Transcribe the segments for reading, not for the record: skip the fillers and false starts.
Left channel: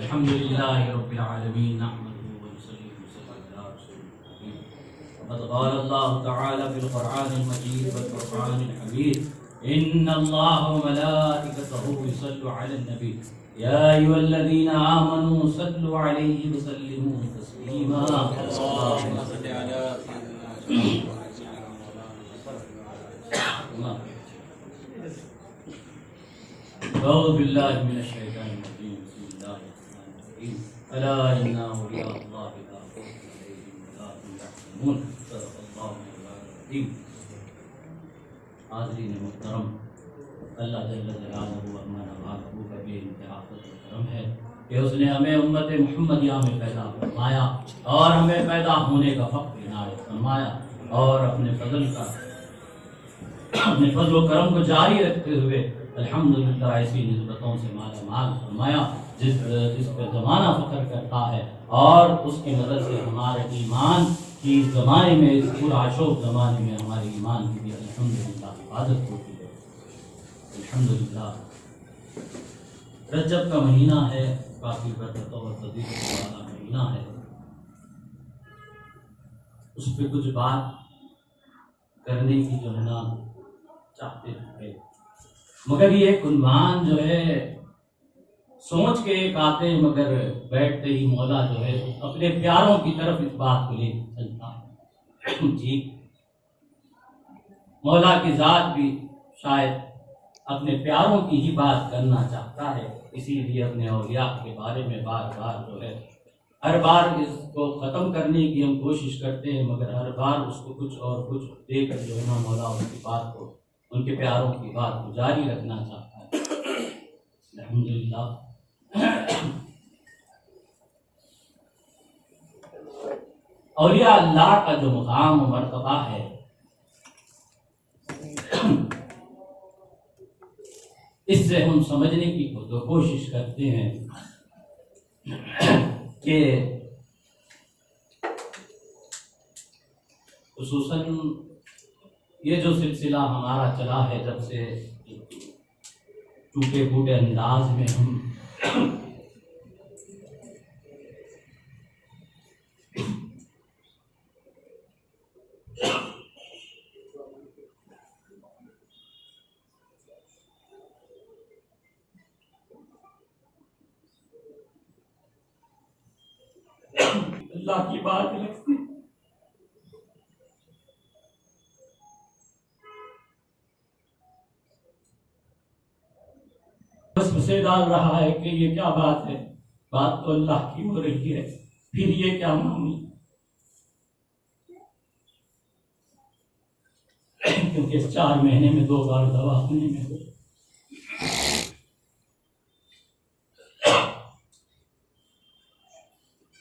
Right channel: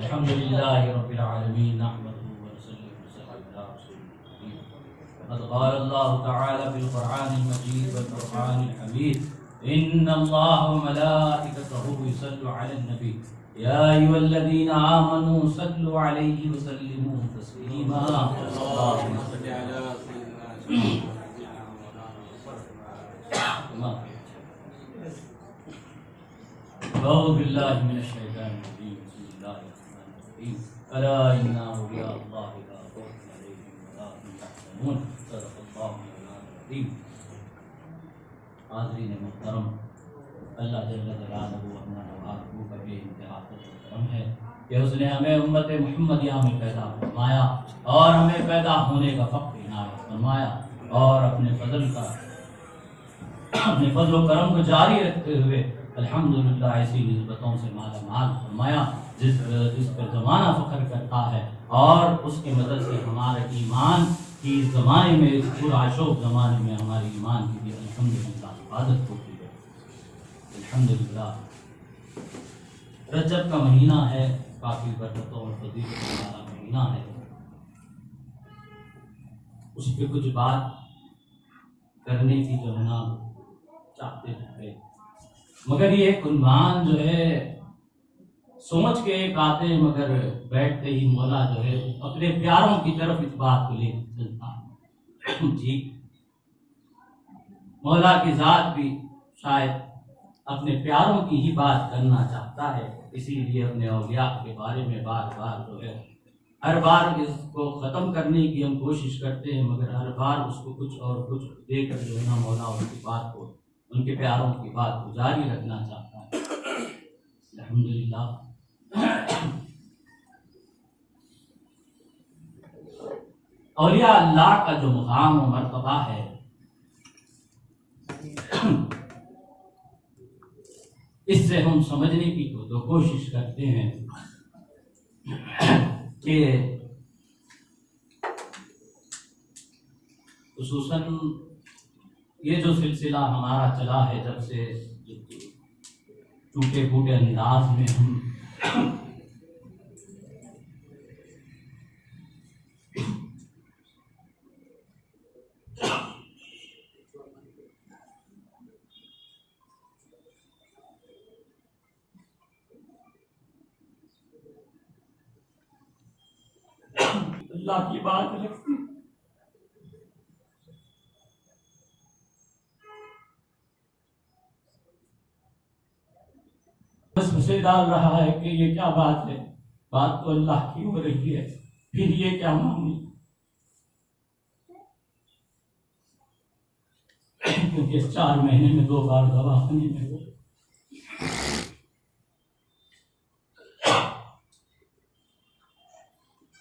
الحمدللہ رب العالمین نحمده ونصلی وسلم علی رسول الکریم قد قال اللہ تعالی فی القرآن المجید والفرقان الحمید ان اللہ وملائکته یصلون علی النبی یا ایھا الذین آمنوا صلوا علیہ وسلموا تسلیما اللہم صل علی سیدنا اعوذ باللہ من الشیطان الرجیم بسم اللہ الرحمن الرحیم الا ان اولیاء اللہ لا خوف علیہم ولا هم یحزنون صدق اللہ العظیم. حاضرین محترم، اللہ جل جلالہ اپنا محبوب بے انتہا کرم ہے کہ اس نے ہمیں امت محمدیہ میں پیدا فرمایا اور ہمیں پیدا ہونے کا فخر عنایت فرمایا اور اپنے فضل و کرم کو جاری رکھتے ہوئے الحمدللہ ایسی نسبتوں سے مالا مال فرمایا جس پر زمانہ فخر کرتا ہے، اور اس کی مدد سے ہمارے ایمان کی زمانے میں، اس پورا شوق زمانے میں ہمارے ایمان کی بھی الحمدللہ حفاظت ہوتی ہے. الحمدللہ رجب کا مہینہ ہے، کافی برکتوں اور فضیلت والا مہینہ ہے. اس پہ کچھ بات کرنے کی جو ہے نا چاہتے ہیں، مگر یہ عنوان جو ہے سوچ کے ایک آتے ہیں، مگر بیٹھتے ہی مولا جو ہے اپنے پیاروں کی طرف اس بات کو لے چلتا ہے. جی، مولا کی ذات بھی شاید اپنے پیاروں کی ہی بات کرنا چاہتا ہے، اسی لیے اپنے اولیاء کے بارے میں بار بار جو ہے ہر بار اس کو ختم کرنے کی ہم کوشش کرتے ہیں، مگر ہر بار اس کو کچھ اور کچھ دے کر جو ہے مولا ان کی بات کو، ان کے پیاروں کی بات کو جاری رکھنا چاہتا ہے. الحمدللہ اولیاء اللہ کا جو مقام و مرتبہ ہے، اس سے ہم سمجھنے کی تو کوشش کرتے ہیں کہ خصوصاً یہ جو سلسلہ ہمارا چلا ہے، جب سے ٹوٹے پھوٹے انداز میں ہم اللہ کی بات لکھتے سے ڈال رہا ہے کہ یہ کیا بات ہے، بات تو اللہ کی ہو رہی ہے، پھر یہ کیا معاملہ، کیونکہ اس 4 مہینے میں 2 بار دواخانے میں ہو.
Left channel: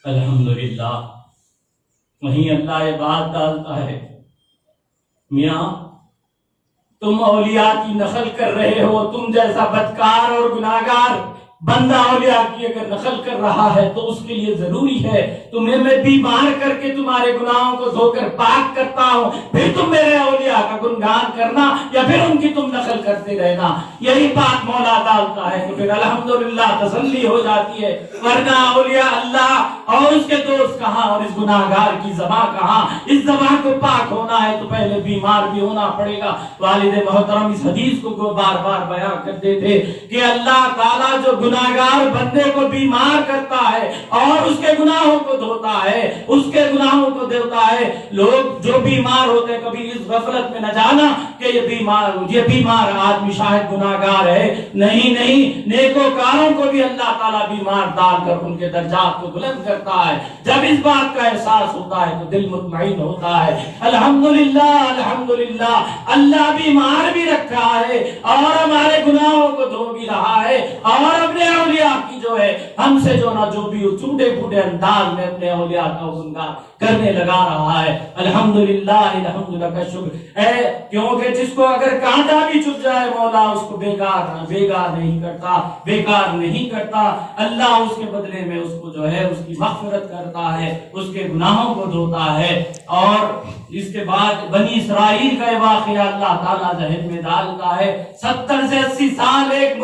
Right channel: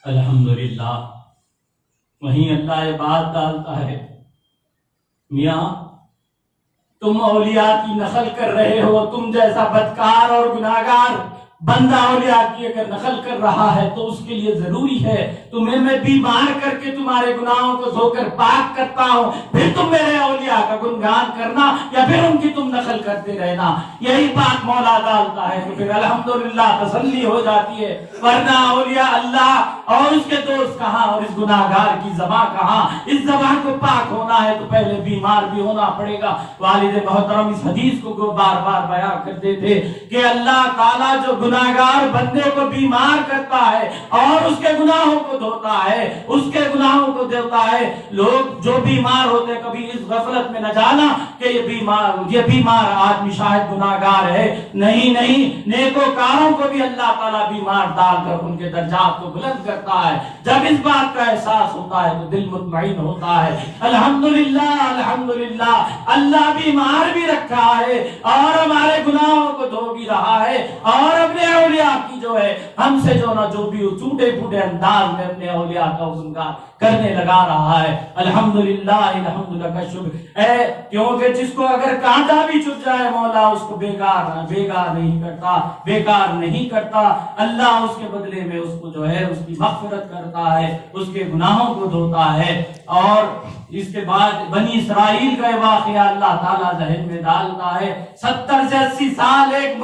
الحمدللہ وہیں اللہ یہ بات ڈالتا ہے، میاں تم اولیاء کی نقل کر رہے ہو، تم جیسا بدکار اور گناہگار بندہ اولیاء کی اگر نقل کر رہا ہے تو اس کے لیے ضروری ہے تمہیں میں بیمار کر کے تمہارے گناہوں کو دھو کر پاک کرتا ہوں، پھر تم میرے اولیاء کا گنگان کرنا یا پھر ان کی تم نقل کرتے رہنا. یہی بات مولا ڈالتا ہے کہ پھر الحمدللہ تسلی ہو جاتی ہے، ورنہ اولیاء اللہ اور اس کے دوست کہاں اور اس گناہگار کی زبان کہاں. اس زبان کو پاک ہونا ہے تو پہلے بیمار بھی ہونا پڑے گا. والد محترم اس حدیث کو بار بار بیان کرتے تھے کہ اللہ تعالیٰ جو گناہگار بندے کو بیمار کرتا ہے اور اس کے گناہوں کو دھوتا ہے، اس کے گناہوں کو دھوتا ہے. لوگ جو بیمار ہوتے ہیں کبھی اس غفلت میں نہ جانا کہ یہ بیمار آدمی شاید گناہگار ہے. نہیں، نیکوکاروں کو بھی اللہ تعالیٰ بیمار ڈال کر ان کے درجات کو بلند کرتا ہے. جب اس بات کا احساس ہوتا ہے تو دل مطمئن ہوتا ہے. الحمدللہ اللہ بیمار بھی رکھا ہے اور ہمارے گناہوں کو دھو بھی رہا ہے، اور اپنے اولیاء کی جو ہے ہم سے جو بھی ٹوٹے پھوٹے انداز میں اپنے اولیاء کا گنگان کرنے لگا رہا ہے. الحمدللہ کا شکر ہے، کیونکہ جس کو اگر کانٹا بھی چبھ جائے مولا اس کو بیکار نہیں کرتا. اللہ اس کے بدلے میں اس کو جو ہے اس کی مغفرت کرتا ہے، اس کے گناہوں کو دھوتا ہے. اور اس کے بعد بنی اسرائیل کا واقعہ اللہ تعالیٰ ذہن میں ڈالتا ہے. 70 سے 80 سال ایک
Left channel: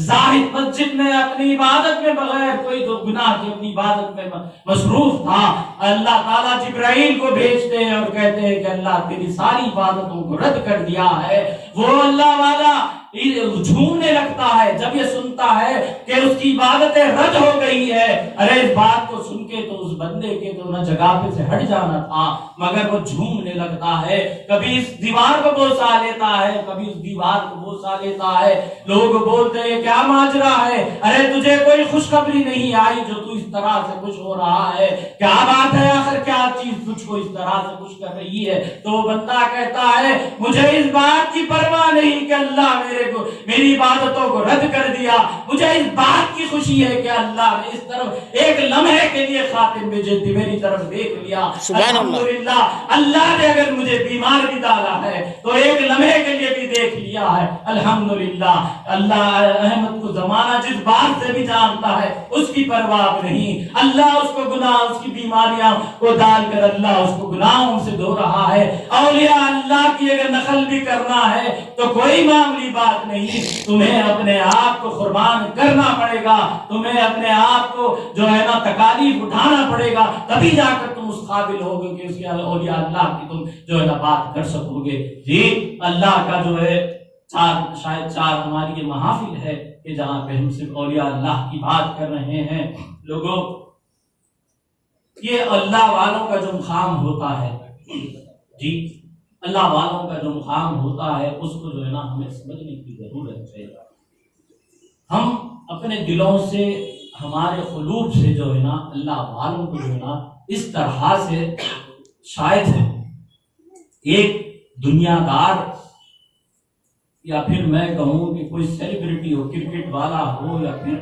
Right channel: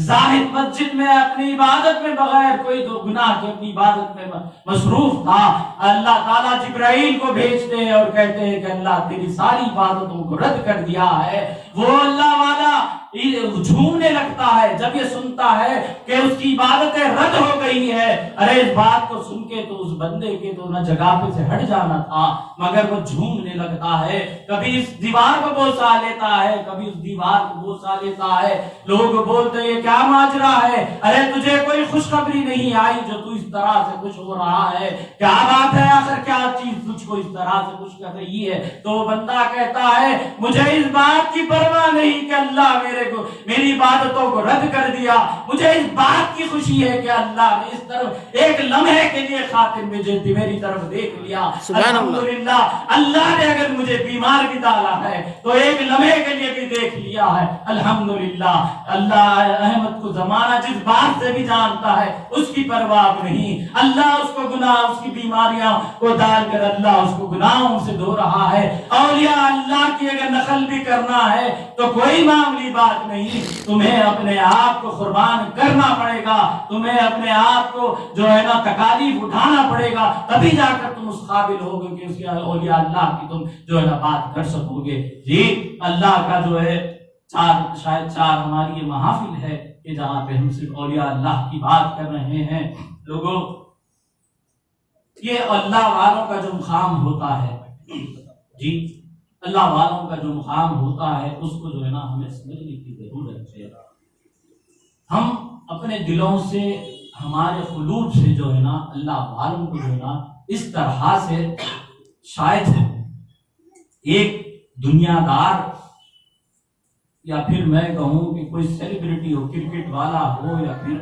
زاہد مسجد میں اپنی عبادت میں بغیر کوئی تو گناہ کے اپنی عبادت میں مصروف تھا، اللہ تعالیٰ جبرائیل کو بھیجتے ہیں اور کہتے ہیں کہ اللہ تیری ساری عبادتوں کو رد کر دیا ہے۔ وہ اللہ والا جھومنے لگتا ہے جب یہ سنتا ہے کہ اس کی عبادتیں رد ہو گئی ہے۔ ارے اس بات کو سن کے تو اس بندے کے تو نہ جگہ پہ سے ہٹ جانا تھا، مگر وہ جھومنے لگتا ہے، کبھی اس دیوار کو بوسا لیتا ہے، کبھی اس دیوار کو بوسا لیتا ہے۔ لوگ بولتے ہیں کیا ماجرا ہے، ارے تجھے کوئی خوشخبری نہیں آئی جو تو اس طرح سے خوش ہو رہا ہے، کیا بات ہے، آخر کیا چیز تجھ کو اس طرح سے خوش کر رہی ہے؟ تو بندہ کہتا ہے مجھے اس بات کی پرواہ نہیں کہ اللہ میری عبادتوں کو رد کر دیا، مجھے اس بات کی خوشی ہے کہ اللہ نے اس طرف ایک لمحے کے لیے خاطر میری طرف دیکھ لیا۔ الحمدللہ اللہ نے اگر مجھے بیمار بھی ڈالا ہے تو ایک لمحے کے لیے بھی دیکھ لیا ہے، الحمدللہ۔ اللہ احمد کو زمانہ جس بات سے بھی جانتا ہے اس کی پرواہ نہیں، اللہ اس کو گناہ اس کی بیماریاں کو ڈال کر اللہ اس کو گناہوں سے دھو رہا ہے۔ اولیاء اللہ کی اگر نقل بھی کرنا ہے تو کوئی معمولی بات نہیں، تمہیں اپنے آپ کو قربان کرنا پڑے گا، تمہیں اپنے آپ کو جو ہے نا تکالیف اٹھانا پڑے گا، تبھی جا کر تم اس قابل ہوگے کہ اس اولیاء اللہ کی تم جو ہے نا بات کر سکو گے۔ جی اللہ کا جو ہے شاید چار ہماری یہ محافل ہے کہ جہاں پہ ہم صرف اولیاء اللہ کی بات کر رہے ہیں۔ لوگوں یہ اللہ والوں کا جو مقام ہوتا ہے، جی اللہ والوں کا جو مقام ہوتا ہے اس کو جو ہے نا ہمیں سمجھنے کی ضرورت ہے۔ ہم اپنے دلوں سے ہمارے قلوب سے جو ہے نا اللہ والوں کو جو ہے نا اس طرح سے شاید ایک دنیا دار یا پھر میں کہوں کہ کوئی سیلیبریٹی ہو، کرکٹ والا ہو یا پھر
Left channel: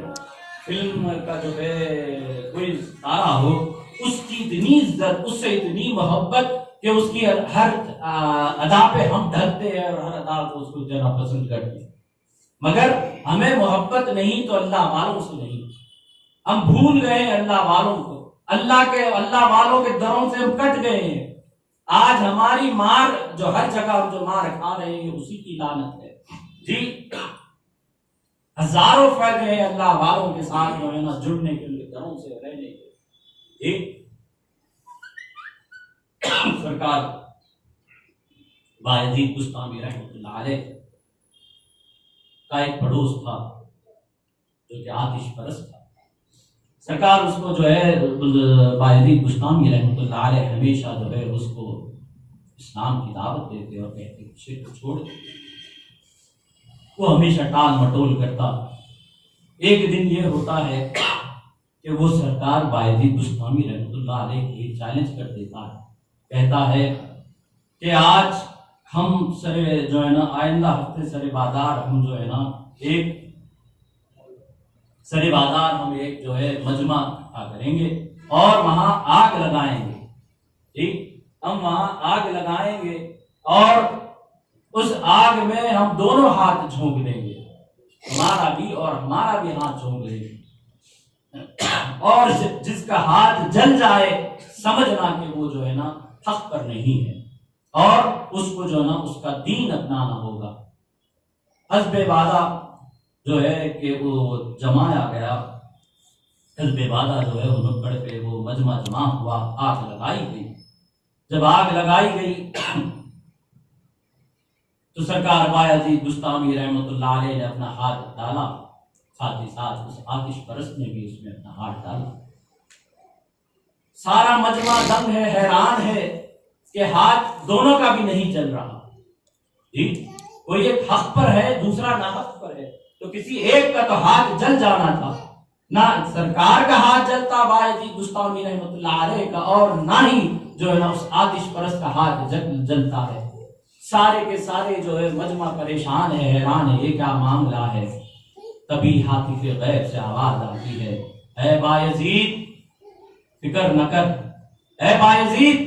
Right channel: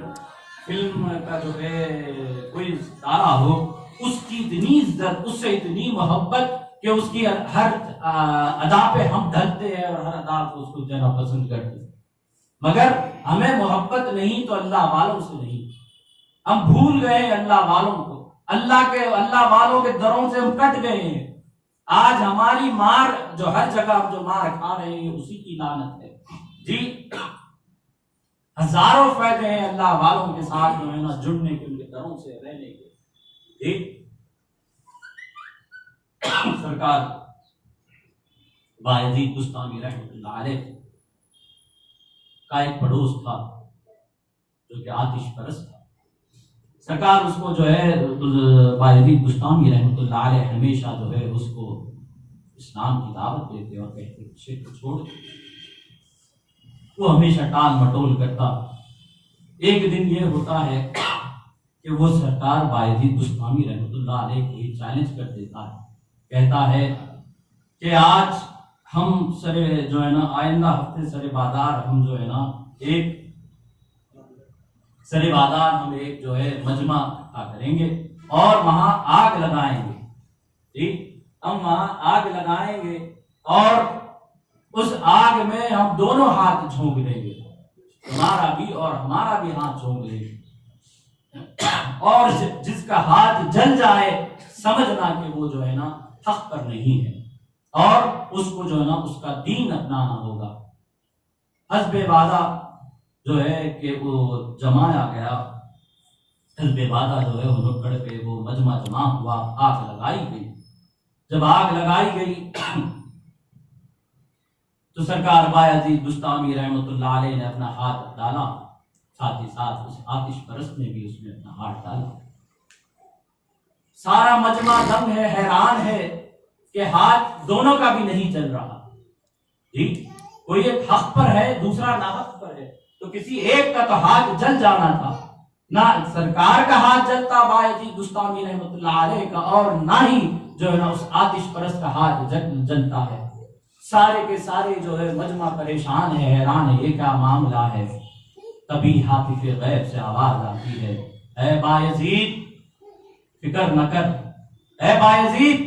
فلم کا جو ہے کوئی ستارہ ہو، اس کی اتنی عزت، اس سے اتنی محبت کہ اس کی ہر ادا پہ ہم ڈھلتے ہیں اور ہر ادا کو اس کو دینا پسند کرتے ہیں، مگر ہمیں محبت نہیں تو اللہ والوں سے نہیں۔ ہم بھول گئے ہیں اللہ والوں کو، اللہ والوں کے دروں سے ہم کٹ گئے ہیں۔ آج ہماری مار جو ہر جگہ ہم جو مار کھا رہے ہیں اسی کی لعنت ہے۔ جی ہزاروں فائدے ہیں اللہ والوں کے ساتھ جو ہے نا جڑنے کے، ان کے دروں سے رہنے کے۔ جی سرکار بایزید بستامی رحمۃ اللہ علیہ کا ایک پڑوس تھا جو کہ آتش پرست تھا۔ سرکار اس کو جو ہے بایزید بستامی رحمۃ اللہ علیہ ہمیشہ جو ہے اس کو اسلام کی دعوت دیتے اور کہتے کہ شرک چھوڑ۔ وہ ہمیشہ ٹال مٹول کرتا۔ ایک دن یہ ہوتا ہے کہ وہ سرکار بایزید بستامی رحمۃ اللہ علیہ کو یہ چیلنج کر دیتا ہے، کہتا ہے کہ آج ہم جو ہے نا آئندہ ہفتے سر بازار ہم جو ہے نا ایک جو ہے مجمع کریں گے اور وہاں آگ لگائیں گے۔ ٹھیک، ہم وہاں آگ لگائیں گے اور اس آگ میں ہم دونوں ہاتھ جھونک دیں گے، تمہارا بھی اور ہمارا بھی ہاتھ جھونک دیں گے، اور جس کا ہاتھ جل جائے سمجھنا کہ وہ جو ہے نا حق پر نہیں ہے اور اس کو جو ہے نا اس کا دین اپنانا ہوگا۔ حزب وعدہ جو ہے کہ وہ جمایا گیا، حزب وعدہ جو ہے وہ نکڑ پہ وہ مجمع جمع ہوا، آگ لگائی گئی۔ جب آگ لگائی گئی تو سرکار بایزید بستامی رحمۃ اللہ علیہ نے اپنا ہاتھ ڈالا، ساتھ ہی ساتھ اس آتش پرست نے بھی اس میں اپنا ہاتھ ڈالا۔ سارا مجمع دنگ ہے، حیران ہے کہ ہاتھ دونوں کا بھی نہیں چل رہا۔ جی کوئی ایک حق پر ہے، دوسرا ناحق پر ہے، تو کسی ایک کا تو ہاتھ جل جانا تھا۔ نہ سرکار کا ہاتھ جلتا بایزید بستامی رحمۃ اللہ علیہ کا، اور نہ ہی جو ہے نا اس آتش پرست کا ہاتھ جلتا ہے۔ سارے کے سارے جو ہے مجمع پریشان ہے، حیران ہے، یہ کیا معاملہ ہے۔ تبھی حاطف غیب سے آواز آتی ہے، اے بایزید فکر نہ کر، اے بایزید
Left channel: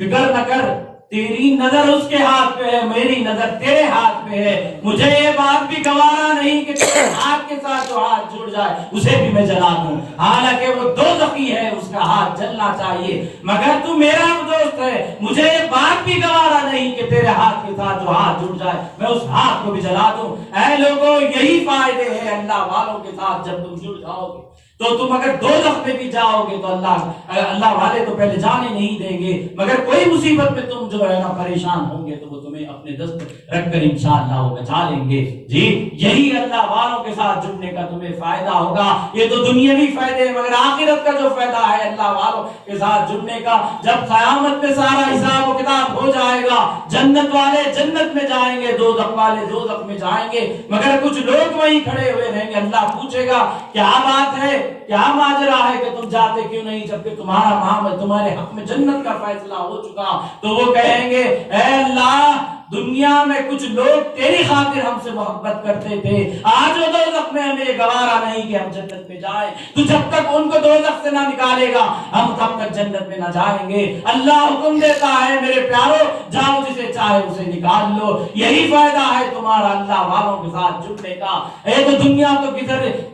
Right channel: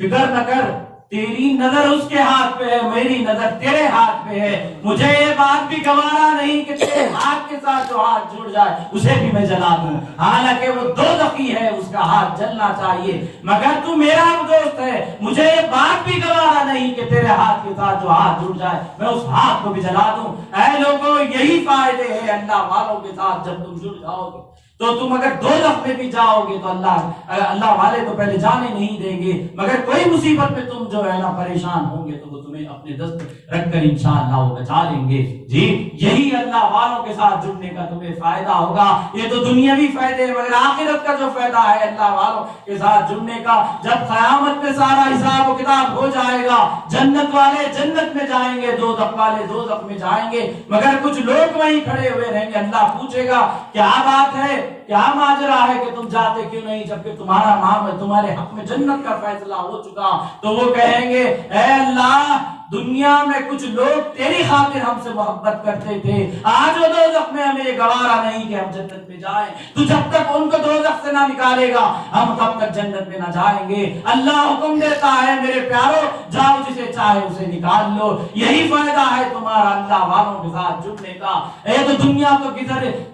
فکر نہ کر، تیری نظر اس کے ہاتھ پہ ہے، میری نظر تیرے ہاتھ پہ ہے، مجھے یہ بات بھی گوارا نہیں کہ تیرے ہاتھ کے ساتھ جو ہاتھ جڑ جائے اسے بھی میں جلا دوں، حالانکہ وہ دوزخی ہے، اس کا ہاتھ جلنا چاہیے، مگر تو میرا دوست ہے، مجھے یہ بات بھی گوارا نہیں کہ تیرے ہاتھ کے ساتھ جو ہاتھ جڑ جائے میں اس ہاتھ کو بھی جلا دوں۔ اے لوگوں، یہی فائدے ہیں اللہ والوں کے ساتھ جب تم جڑ جاؤ گے، تو تم اگر دوزخ میں بھی جاؤ گے تو اللہ والے تو پہلے جانے نہیں دیں گے، مگر کوئی مصیبت میں تم جو ہے نا پریشان ہوں گے تو وہ تمہیں اپنے دست رکھ کر انشاءاللہ وہ بچا لیں گے۔ جی یہی اللہ والوں کے ساتھ جڑنے کا تمہیں فائدہ ہوگا۔ یہ تو دنیاوی فائدے ہیں، مگر آخرت کا جو فائدہ ہے اللہ والوں کے ساتھ جڑنے کا، جب قیامت میں سارا حساب و کتاب ہو جائے گا، جنت والے جنت میں جائیں گے، دوزخ والے دوزخ میں جائیں گے، مگر کچھ لوگ وہیں کھڑے ہوئے رہیں گے۔ اللہ پوچھے گا کیا بات ہے، کیا ماجرا ہے کہ تم جاتے کیوں نہیں جبکہ تمہارا معاملہ تمہارے حق میں جنت کا فیصلہ ہو چکا؟ تو وہ کہیں گے اے اللہ، دنیا میں کچھ لوگ تیری خاطر ہم سے محبت کرتے تھے، آج وہ دوزخ میں ہمیں گوارا نہیں کہ ہم جنت میں جائیں، تو جب تک ان کو دوزخ سے نہ نکالے گا ہم تب تک جنت میں نہ جائیں گے۔ اللہ حکم دیتا ہے میرے پیارو، جاؤ جسے چاہے اسے نکال لو۔ یہی فائدہ ہے تمہارا اللہ والوں کے ساتھ جڑنے کا۔ اے تو دنیا تو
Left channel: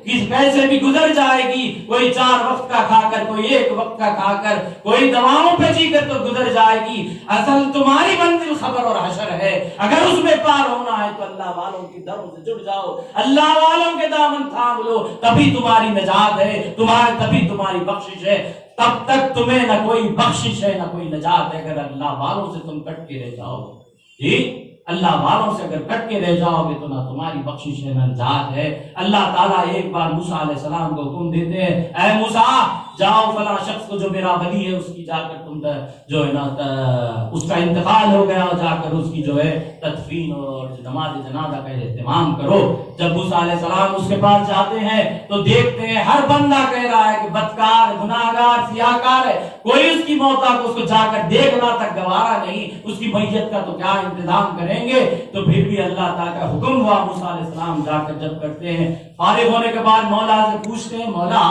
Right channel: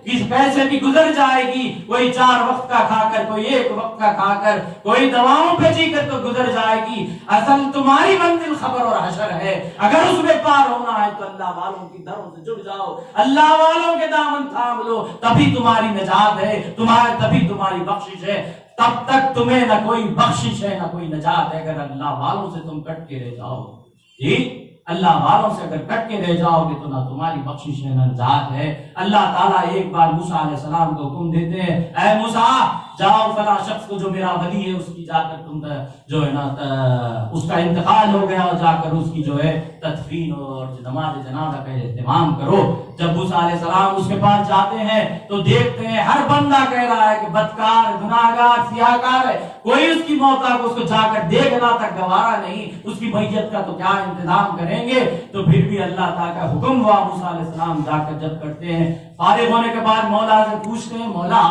کیسے بھی گزر جائے گی، کوئی 4 وقت کا کھا کر، کوئی 1 وقت کا کھا کر، کوئی دواؤں پہ جی کر تو گزر جائے گی، اصل تمہاری منزل خبر اور حشر ہے۔ اگر اس میں پار ہونا ہے تو اللہ والوں کی دروں سے جڑ جاؤ، اللہ والوں کے دامن تھام لو، تبھی تمہاری نجات ہے، تبھی تمہاری بخشش ہے۔ تب تک تمہیں نہ کوئی بخشش ہے نہ کوئی نجات ہے اگر اللہ والوں سے تم کٹ کے رہ جاؤ۔ جی اللہ والوں سے اگر کٹ کے رہ جاؤ گے تو نہ تمہاری بخشش ہے نہ نجات ہے۔ اللہ تعالیٰ ایک بار موسیٰ علیہ السلام کو حکم دیتے ہیں، اے موسیٰ جاؤ فلاں شخص کو جو میرا ولی ہے اس کی جا کر تم جو ہے نا اس کا انتقال ہو گیا، اور جا کر اس کی جو ہے تدفین اور نماز جنازہ کا اہتمام کرو۔ جب موسیٰ علیہ السلام اس کے پاس جاتے ہیں تو دیکھتے ہیں ہر بندہ کہہ رہا ہے کہ بدکار، گناہگار، سیاہکار ہے، کوئی اس کی موت کو اس کو جا کر دیکھنا تک گوارا نہیں، اس کی میت کا تو کیا انتظام کریں گے۔ تو پھر بھی اللہ تعالیٰ کا حکم ہوا، موسیٰ علیہ السلام جا کر جب کرتے ہیں، فارغ ہونے کے بعد مولا سے پوچھتے ہیں، مولا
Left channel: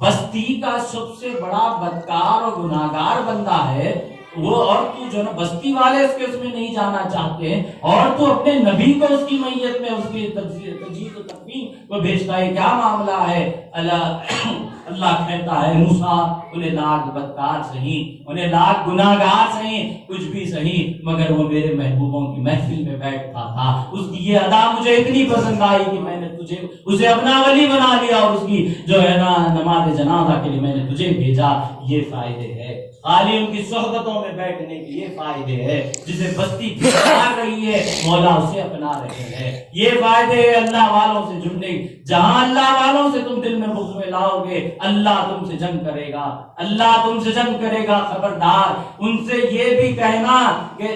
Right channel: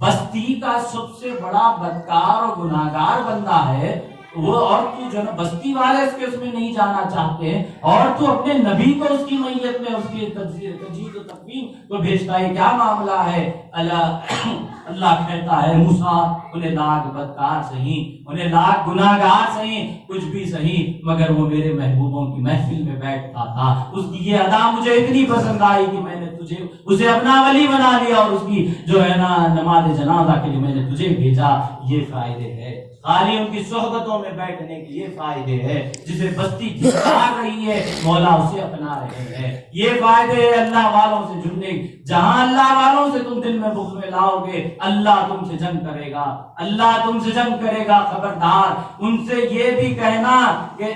بستی کا سب سے بڑا بدکار اور گناہگار بندہ ہے وہ، اور تو جو ہے نا بستی والے اس میں نہیں جانا چاہتے، اور تو اپنے نبی کو اس کی میت میں اس کی تجہیز و تکفین کو بھیجتا ہے، کیا معاملہ ہے؟ اللہ کہتا ہے موسیٰ انہیں لاکھ بدکار سہی، انہیں لاکھ گناہگار سہی، کچھ بھی سہی، مگر وہ میرے محبوبوں کی محفل میں بیٹھتا تھا، اس کی یہ ادا مجھے اتنی پسند آئی کہ میں نے اسے اپنا ولی بنا لیا، اور اس کی جو ہے نا نماز جنازہ کے لیے میں نے تجھے بھیجا۔ یہ فائدے ہے خالی ان کی صحبتوں میں بیٹھنے کے، یہ فائدے ہے جسے بستی پھار رہی ہے مولا اسے اپنا رہے ہیں، یہ فائدے ہے اللہ والوں سے جڑنے۔ جہاں اللہ والوں سے تم دل میں بغض میں لاؤ گے اللہ تم سے جنگ کرے گا، اللہ تم سے جنگ کرے گا۔ خبردار ان سے یہ بھی کہنا کہ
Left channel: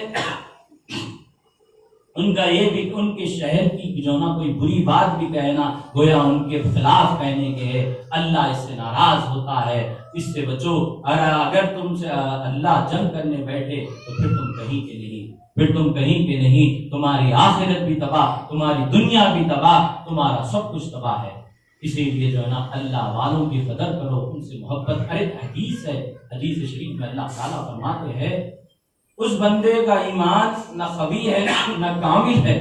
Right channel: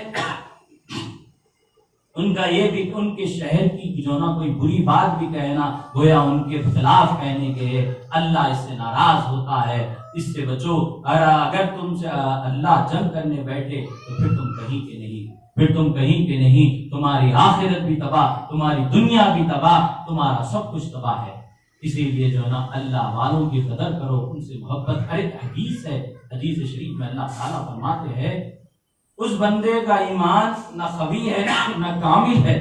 ان کا یہ بھی ان کے شہر کی جو نا کوئی بری بات بھی کہنا گویا ان کے خلاف کہنے کے، اللہ اس سے ناراض ہوتا ہے، اس سے بچو۔ اگر تم سے اللہ جنگ کرنے بیٹھے تو پھر تم کہیں کے نہیں، پھر تم کہیں کے نہیں، تمہاری آخرت بھی تباہ، تمہاری دنیا بھی تباہ، تمہارا سب کچھ تباہ ہے۔ اسی لیے جو ہے نا اللہ والوں کی قدر کرو، ان سے محبت۔ ایک حدیث ہے، حدیث شریف میں اللہ تعالیٰ فرماتے ہیں اس بندے کا ایمان نہ قوی ہے نہ کامل ہے،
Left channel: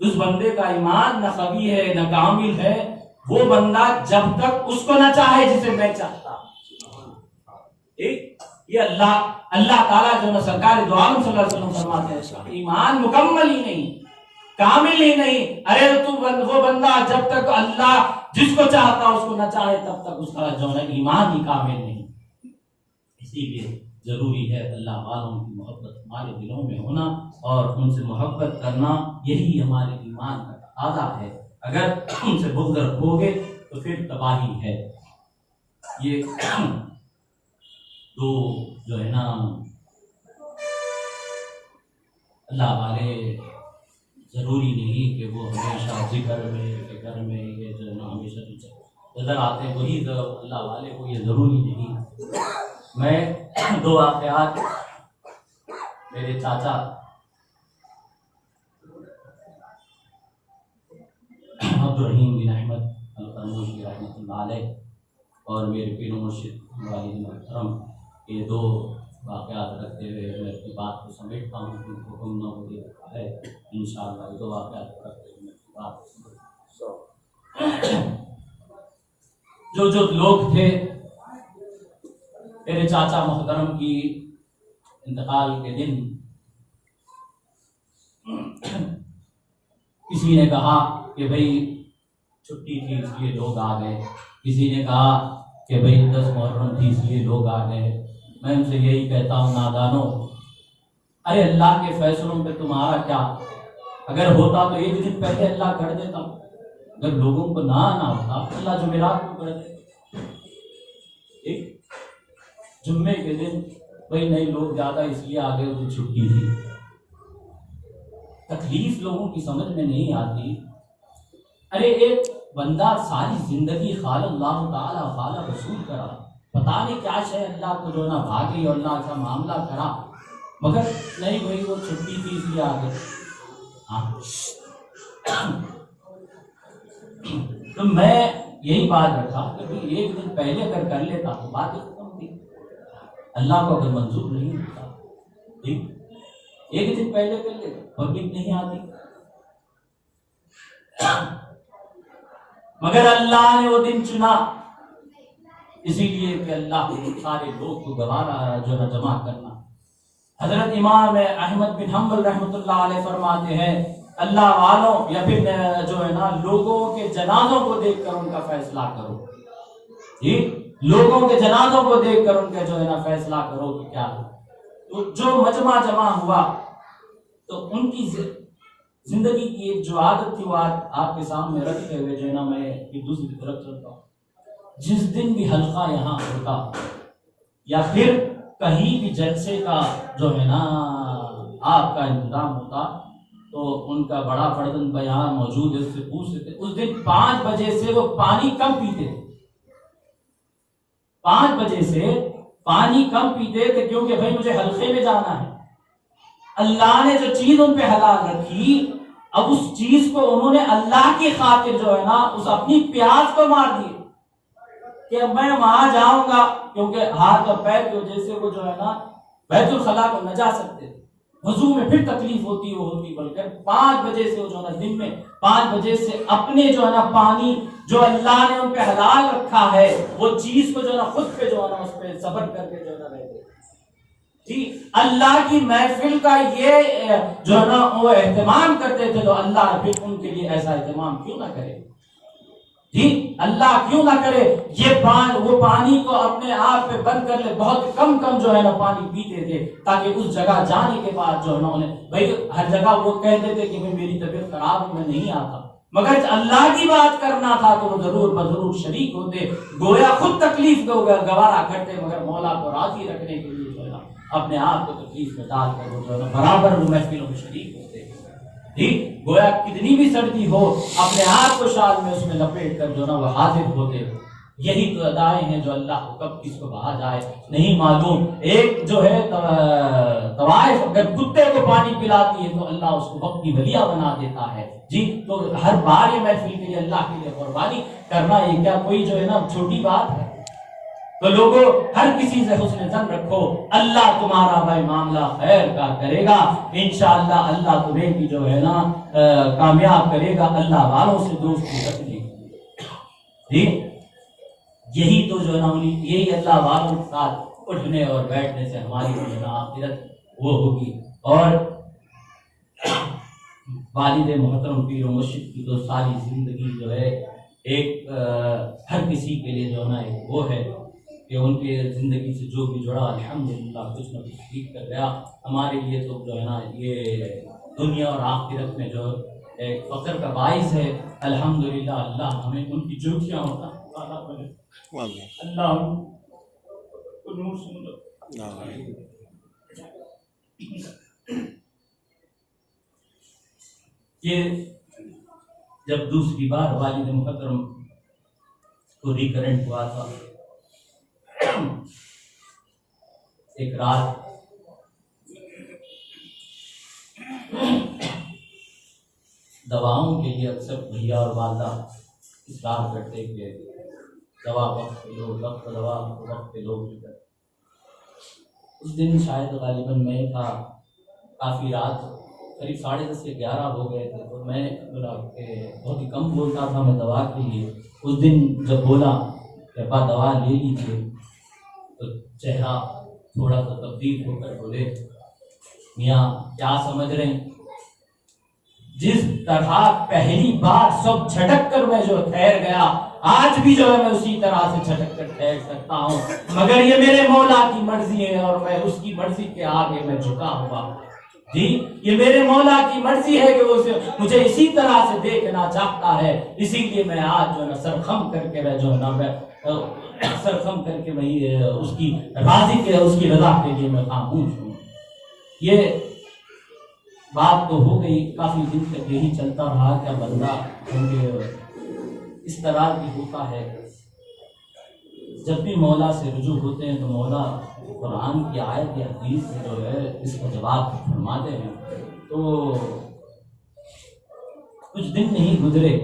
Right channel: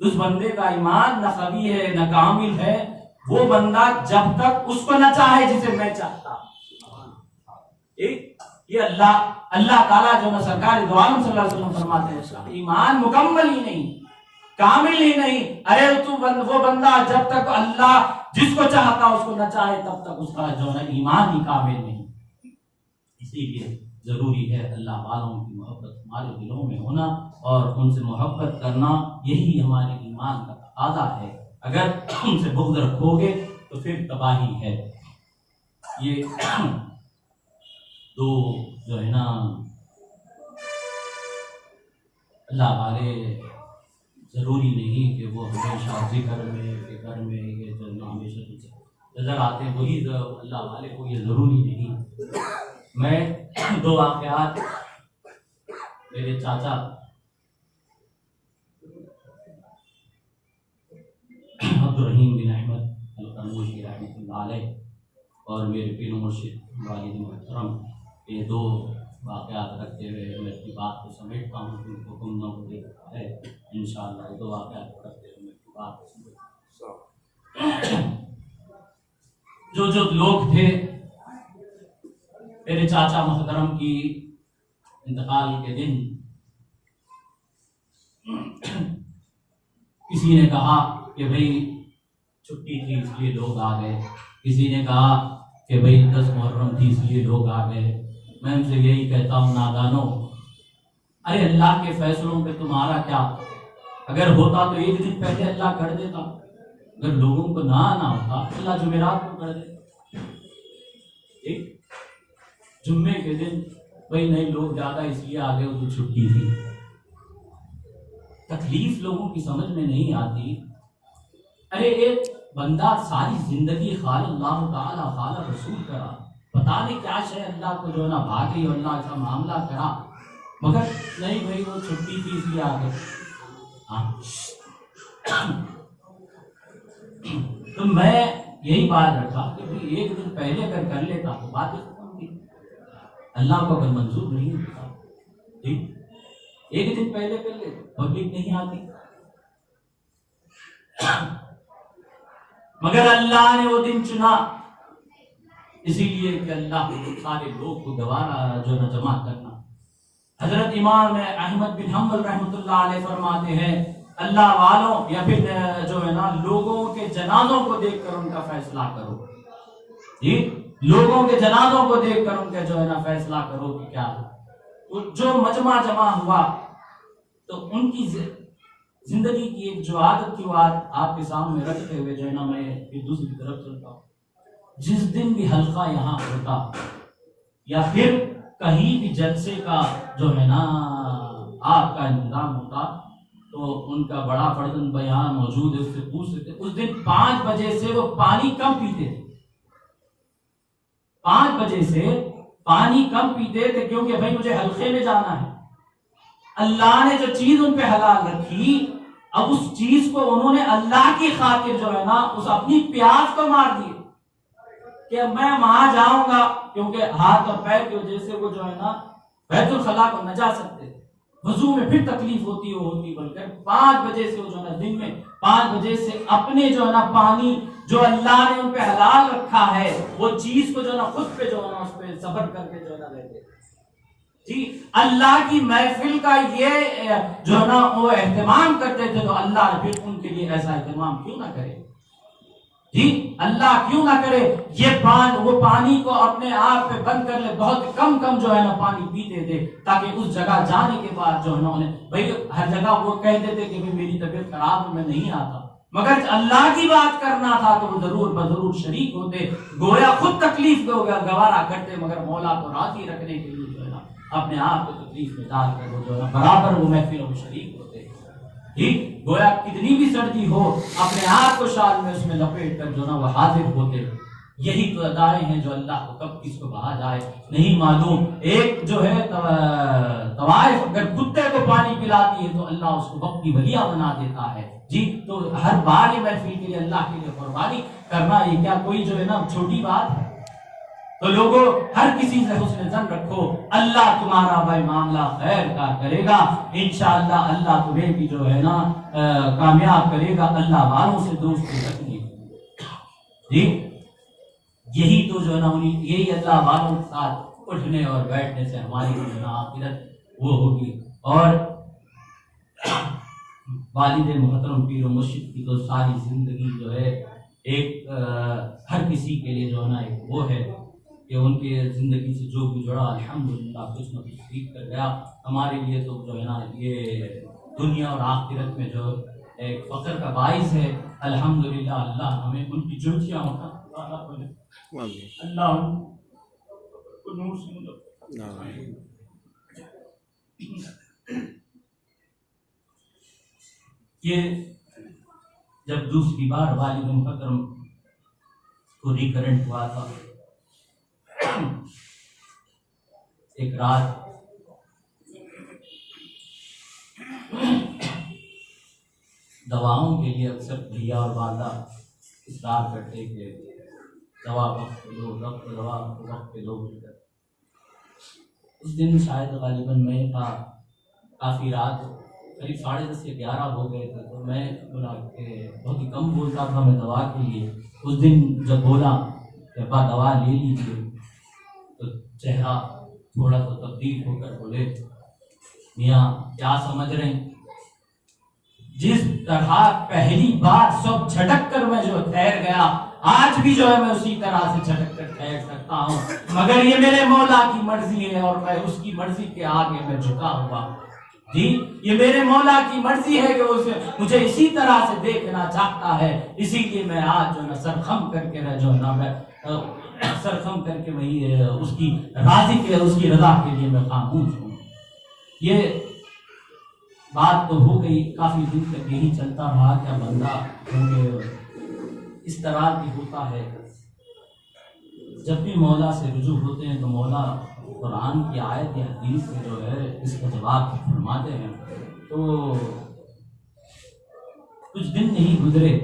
اس بندے کا ایمان نہ قوی ہے نہ کامل ہے وہ بندہ جب تک اس کو نہ چاہے جسے میں چاہتا ہوں۔ یہ اللہ تعالیٰ جو نا سرکار دو عالم صلی اللہ علیہ وسلم فرماتے ہیں ایمان مکمل ہی نہیں، کامل ہی نہیں۔ ارے وہ بندہ جب تک اللہ جس کو چاہتا اس کو نہ چاہے تب تک اس کا جو ہے ایمان ہی کامل نہیں۔ اسی لیے ضروری ہے اللہ والوں کی محبت ہمارے دلوں میں ہونا، اور ان سے محبت کرنا یہی ہمارے ایمان کا تقاضا ہے۔ اگر ان سے بغض رکھو گے تو پھر تباہی ہے۔ یہ دو جو ہے نا اللہ والے ضروری نہیں کہ وہ ہمیشہ ذکر میں فکر میں یہ جو ہے نا ہمیشہ نظر آتے ہیں وہی اللہ والے کو، یہ ضروری نہیں۔ میں 2 واقعات میرے چاچا عبدالرحیم بن احمد القرموشی رحمۃ اللہ علیہ اور میرے پیر و مرشد والد محترم، یہ 2 واقعات رکھتے ہوئے میں اپنی بات کو سمیٹتا ہوں، کیونکہ حکم نہ ہو دیتا ہے انشاءاللہ دو واقعات رکھتے ہوئے میں اپنی بات کو سمیٹتا ہوں۔ جو لوگ تھے میرے چاچا محترم کی انتقال کے دن، کسی نے کہا کہ بھئی چھٹی تھی اس لیے لوگ آ گئے، کسی نے کہا کہ بھئی 10 محرم تھی اس لیے لوگ آ گئے۔ میں ان سے یہی کہتا ہوں نادانو، ارے اللہ کے فیصلوں پہ تمہارا کیا؟ اگر ہوتا تو ایک دن پہلے اللہ کر دیتا، اگر لوگوں کو نہ آنا ہوتا اللہ جمعرات کو کر دیتا۔ ایک جمعے کے دن بھئی نہیں لوگ زیادہ اس لیے آ گئے تو چھٹی تھی۔ تکلیف لوگوں کی سمجھ میں نہیں آتی۔ ارے ایک بندہ ساری زندگی خال اللہ تعالیٰ خال رسول کرا، پتا نہیں کیا شے اللہ کو جو نا بھاگی اور اللہ کا معاملہ کرا، مگر نہیں بھائی وہ چھٹی تھی اس لیے آ گئے۔ تو میں یہی بات رکھا کہ بھائی ایک دن پہلے اگر کر لیتا تو بات ختم تھی، اللہ کو اگر منظور نہیں ہوتا ٹھیک، ایک دن پہلے کر لے پبلک نہیں آتی، مگر اللہ نے وہ دن چنا اسی لیے کہ اللہ سارے لوگ کو گوارا جو ہے جمع کرنا۔ حضرت امام احمد بن حنبل رحمۃ اللہ علیہ فرماتے ہیں اللہ والوں یا پھر جو ہے نا لوگوں کے جنازوں کو دیکھ کر ان کا فیصلہ کرو، جی لوگوں کے جنازوں کو دیکھ کر ان کا جو ہے نا فیصلہ کرو کہ کیا ہے۔ تو جو مجمع جمع ہوا تو ان کی زندگی کی ایک جو عادت تھی وہ آپ کے سامنے رکھتے ہوئے جو ہے نا میں دوسری طرف چلتا ہوں۔ جس دن بھی حلقہ یہاں ہوتا یا پھر کہیں بھی جلسے کا جو ہے نا آپ کا انتظام ہوتا تو ان کا بڑا فردن بیان موجود ہے، اس سے پوچھ سکتے۔ اس دن 5 بجے سے وہ پانی کم پیتے تھے، 5 بجے سے پانی کم پیتے تھے، کیونکہ بھائی مجھے حلقے میں جانا ہے۔ اللہ نے جو چیز ان پہ حلال رکھی، اب اس چیز کو انہوں نے اللہ کی خاطر جو ہے نا اس اپنی پیاس کو مار دی کہ میں وہاں جاؤں گا، کیونکہ ہاتھ اور پیر کی وجہ سے وہ جو ہے نا بیت الخلاء کو نہ جا سکتے، وضو میں پھر تکلیف ہوتی وہ ہوتی، بلکہ 5 بجے سے وہ جو ہے نا دن میں 5 بجے سے اپنے جو ہے نا پانی جو اللہ نے ان پہ حلال رکھا ہے وہ چیز کو جو ہے نا خود پہ جو ہے نا اس پہ صبر کر کے جو ہے نا رہتے جی۔ اللہ کی محفل کا یہ جو ہے نا وہ اہتمام کرتے تھے، تو اللہ پھر ان کے لیے ایسا اہتمام کیوں نہ کرے جی، اللہ کیوں نہ کرے۔ یہ وہ پانی کو اپنے آپ پہ بند کر لے، بہت کم جو ہے نا پانی پیتے تھے، تاکہ اس جگہ جانے کے بعد جو ہے نا انہیں بھائی ہر جگہ وہ کہتے تھے کہ میری طبیعت خراب ہے میں نہیں آتا، مگر اللہ کی بات کرنا تھا کہ وہ ضرور شریک ہوتے، گویا خود تکلیف کو گوارا کرتے، مگر مولا کو راضی رکھنے کے لیے جو ہے نا اپنے آپ کو تکلیف میں ڈال کر وہ جو ہے نا برابر وہ محفلوں میں شریک ہوتے ٹھیک، گویا کتنی بھی سردی ہو اپنے آپ کو شال میں اس میں لپیٹ کر جو نا وہ حاضر ہوتے۔ یہی تو ادائیں ہیں جو اللہ کو کب کس کو کہا جائے نہیں معلوم۔ ایک جو ہے طوائف اگر کتے کو پانی پلاتی ہے تو اللہ اس کو وقت کی ولیہ بنا دیتا ہے جی۔ تو ہر بار یہ محفل کے لیے اللہ کے لیے قربانی کرنا یہ کیا کوئی جو ہے نا چھوٹی بات ہے؟ تو لوگوں ہر کسی سے حسن ظن رکھو، اللہ تمہارا بھائی معاملہ خیر کا کرے گا انشاءاللہ، اللہ تمہیں بھی جو ہے نا کامیاب کرے گا۔ اللہ والوں سے دوستی رکھنے جی، یہی تو جو ہے نا یہی اللہ والوں کے ساتھ اٹھنے اور بیٹھنے سے ہماری جو ہے نا آخرت وہ ہوگی۔ اور والد محترم پیر و مرشد کی تو ساری زندگی جو ہے ایک ہر کسی کے لیے جو ہے نا ایک وہ ہے کہ ان کے زندگی سے جو بھی جڑا الحمدللہ کچھ نہ کچھ سیکھ کر گیا۔ ہمارے لیے تو جو ہے نا یہ دنیا اور آخرت میں جو ایک فخر کا باعث ہے الحمدللہ۔ اللہ ہمیں ان کی جوتیاں ہوتا اللہ کو نور سے یہ جب دوسری بار والد محترم کو ریکرنٹ ہوا تھا، ایک رات دواؤں کے لیے اکثر بھیا اور والدہ اصرار کرتے کہ دوا وقت پہ لو، وقت دوا وقت پہ لو۔ اس دن شاید غالباً میں تھا، کافی رات قریب 10:30 یا 11 ہو گئے تھے، تو میں بہت ہی کم بولتا تھا میں دوا کے لیے. اس دن جب بولا کہ ابا دوا لے لیجیے تو چہرہ تھوڑا سا تبدیل ہو کر بولے میاں کیا سمجھ رہے ہیں؟ جس طرح پہلی بار سب جھٹک کر میں جو ٹھہر گیا، آج بھی جو ہے میں اسی طرح سے جھٹک کر ٹھہر سکتا ہوں، مگر یہ میرے مولا کی مرضی ہے اور میں اس کی مرضی کے آگے میں جھکا ہوا. جی یہ میرے مولا کی مرضی ہے کہ وہ مجھے اسی طرح سے دیکھنا چاہتا ہے، اسی لیے میں آج جو ہے نا سرخم کر کے جو ہے نا میں سرخم کر کے وہی اس کی راضی کے اس کی رضا کے لیے میں خاموش ہوں. یہ بات تو ہو گئی، کافی دن تک یہی چلتا رہا کہ بندہ کیونکہ اس طرح کی ہوتا ہے. جب بھی مولا سے رجوع ہوتے ہیں تو مولا قرآن کی آیت یا حدیث سے جو ہے اس کا جواب فرماتے ہیں. تو کچھ دن نہیں گزرے،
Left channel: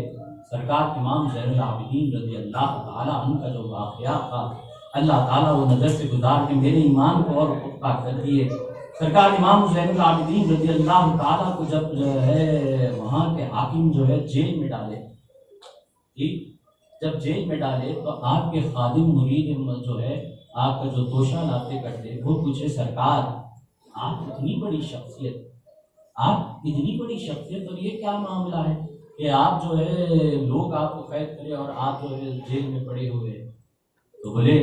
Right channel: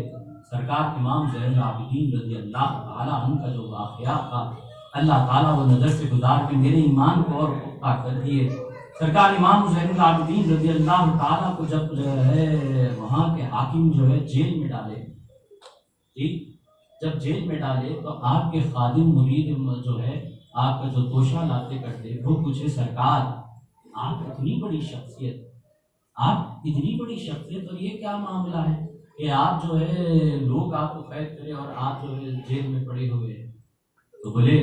سرکار امام زین العابدین رضی اللہ تعالیٰ عنہ کا جو واقعہ تھا، اللہ تعالیٰ وہ نظر سے گزار کے میرے ایمان کو اور پختہ کر دیے. سرکار امام زین العابدین رضی اللہ تعالیٰ کو جب جو ہے وہاں کے حاکم جو ہے جیل میں ڈالے، جب جیل میں ڈالے تو آپ کے خادم مرید جو ہے آپ کا جو توشہ لاتے کرتے وہ پوچھے سرکار آپ اتنی بڑی شخصیت، آپ اتنی بڑی شخصیت اور یہ کیا معاملہ ہے کہ آپ جو ہے لوگ آپ کو قید کرے اور آپ جو ہے جیل میں پڑے ہوئے؟ تو بولے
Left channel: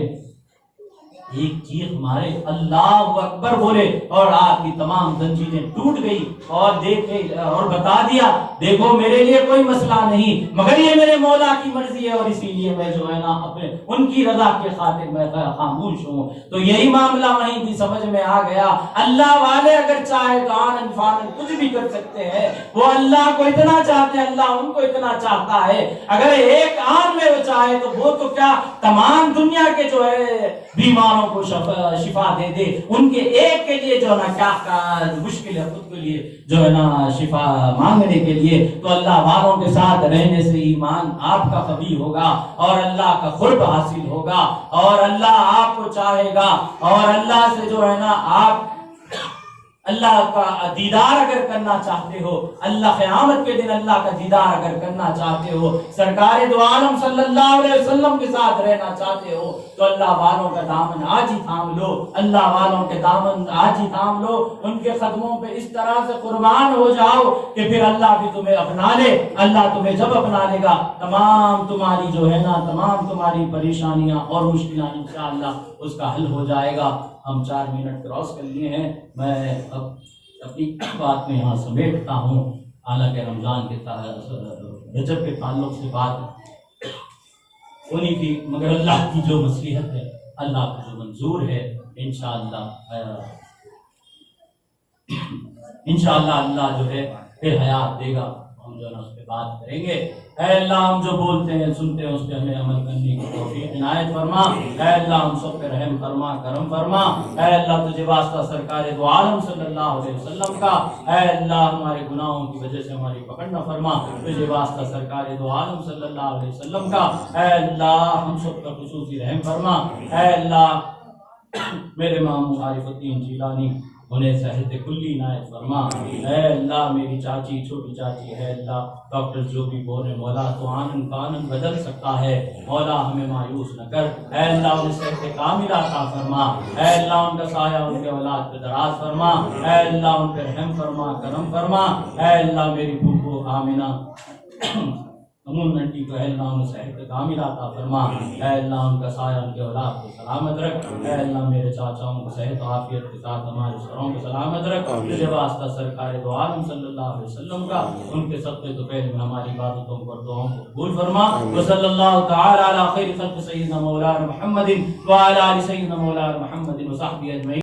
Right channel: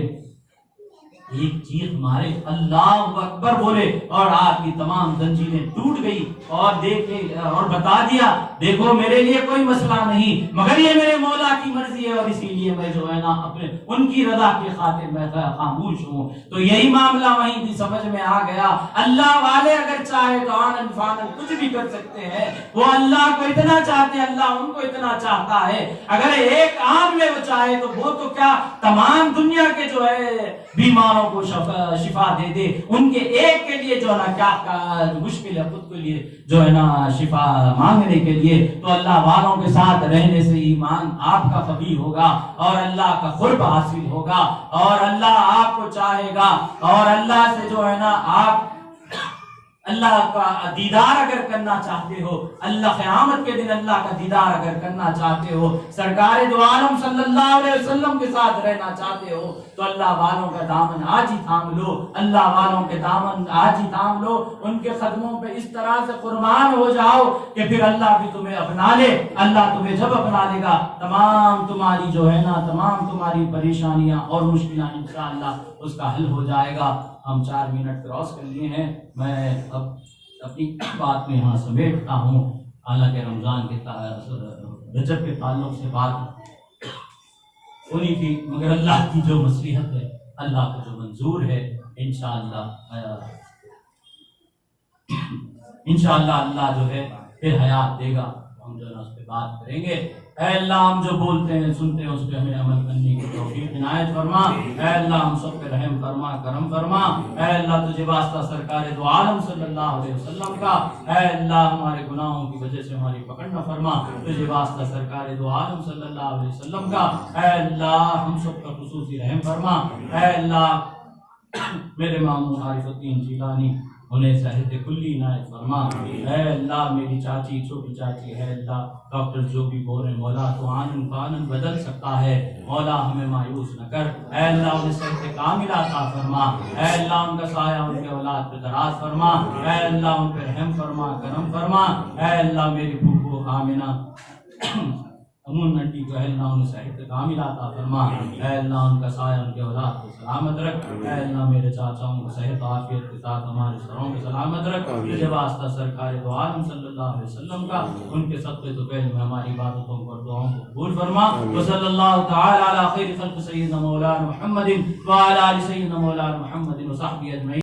ایک چیخ مارے اللہ اکبر بولے اور آپ کی تمام زنجیریں ٹوٹ گئی اور دیکھے اور بتا دیا دیکھو میرے لیے کوئی مسئلہ نہیں مگر یہ میرے مولا کی مرضی ہے اور اسی لیے میں جو ہے نا اپنے ان کی رضا کے خاطر میں خاموش ہوں. تو یہی معاملہ وہیں بھی سمجھ میں آ گیا. اللہ والے اگر چاہے تو آنن فانن کچھ بھی کر سکتے ہیں. وہ اللہ کو اتنا چاہتے ہیں، اللہ ان کو اتنا چاہتا ہے. اگر ایک آن میں وہ چاہے تو وہ تو کیا تمام دنیا کے جو ہے بیماروں کو شفا دے دے. ان کے ایک کے لیے جو ہے نا کیا مشکل ہے خود کے لیے جو ہے نا شفا مانگنے کے لیے. تو اللہ والوں کے ساتھ رہنے سے ایمان آپ کا قوی ہوگا اور اللہ کا قرب حاصل ہوگا اور اللہ آپ کو چاہے گا اور اللہ سے جو ہے نا آپ اللہ کا دیدار اگر کرنا چاہتے ہو، اللہ قیامت کے دن اللہ کا دیدار اگر کرنا چاہتے ہو، سرکار دو عالم صلی اللہ علیہ وسلم کے ساتھ رہنا چاہتے ہو تو اللہ والوں کا دامن آج ہی تھام لو. اللہ والوں کے دامن آج ہی تھام لو. ان کے قدموں پہ اس طرح سے قربان ہو جاؤ کہ پھر اللہ بھی تمہیں اپنا لے. اللہ تمہیں جب اپنا لے گا تمام تمہاری جو ہے نا تمام تمہاری پریشانیاں اور مشکلات انشاءاللہ اس کا حل ہو جائے گا. ہم 4 منٹ کراس کر لیے ہیں. میں اب اپنی بات میں یہاں سمیٹتا ہوں. حالانکہ رمضان کے رجب کے تعلق سے بات ہونی تھی مگر اللہ کی جو مصلحت ہے، اللہ کا جو منظور ہے، انشاءاللہ اللہ جو ہے پھر حیات دے گا. ہم جو ہے اس پہ بات کریں گے. اے اللہ ہم جو بولتے ہیں سنتے ہیں اس پہ ہمیں عمل کرنے کی توفیق عنایت فرما. اے اللہ ہم سب پہ رحم فرما، کرم فرما. اے اللہ تجھے واسطہ سرکار دو عالم صلی اللہ علیہ وسلم کا. اے اللہ ہمارے گناہوں کی وجہ سے ہماری پکڑ نہ فرما. تجھے واسطہ سرکار دو عالم صلی اللہ علیہ وسلم کا. اے اللہ ہم سب پر خصوصی رحم فرما. اے اللہ میرے امام عارف الدین جیلانی انہیں صحت کلی عنایت فرما. اے اللہ میری چاچی چھوٹی چاچی ہے اللہ ڈاکٹر جو بھی بولے مولا تو آنن فانن بدل سکتا ہے. مولا ہمیں مایوس نہ کر. اے اللہ انہیں صحت کاملہ عطا فرما. اے اللہ ان کا سایہ ان کے اولاد پہ دراز فرما. اے اللہ ان پہ رحم فرما، کرم فرما. اے اللہ میری پھوپھو آمنہ امون انٹی کو اے اللہ انہیں صحت کاملہ عطا فرما. اے اللہ ان کا سایہ ان کے اولاد کو سلامت رکھ. اے اللہ میرے چاچاؤں کو صحت عافیت کے ساتھ ہمارے سروں کو سلامت رکھ. تجھے واسطہ سرکار دو عالم صلی اللہ علیہ وسلم کا ان کے صدقے تو پہلے میں ہماری عبادتوں کو اور دعاؤں کو قبول فرما. وصلی اللہ تعالی علی خیر خلق سیدنا مولانا محمد وعلی آل سیدنا مولانا محمد وصحبہ اجمعین.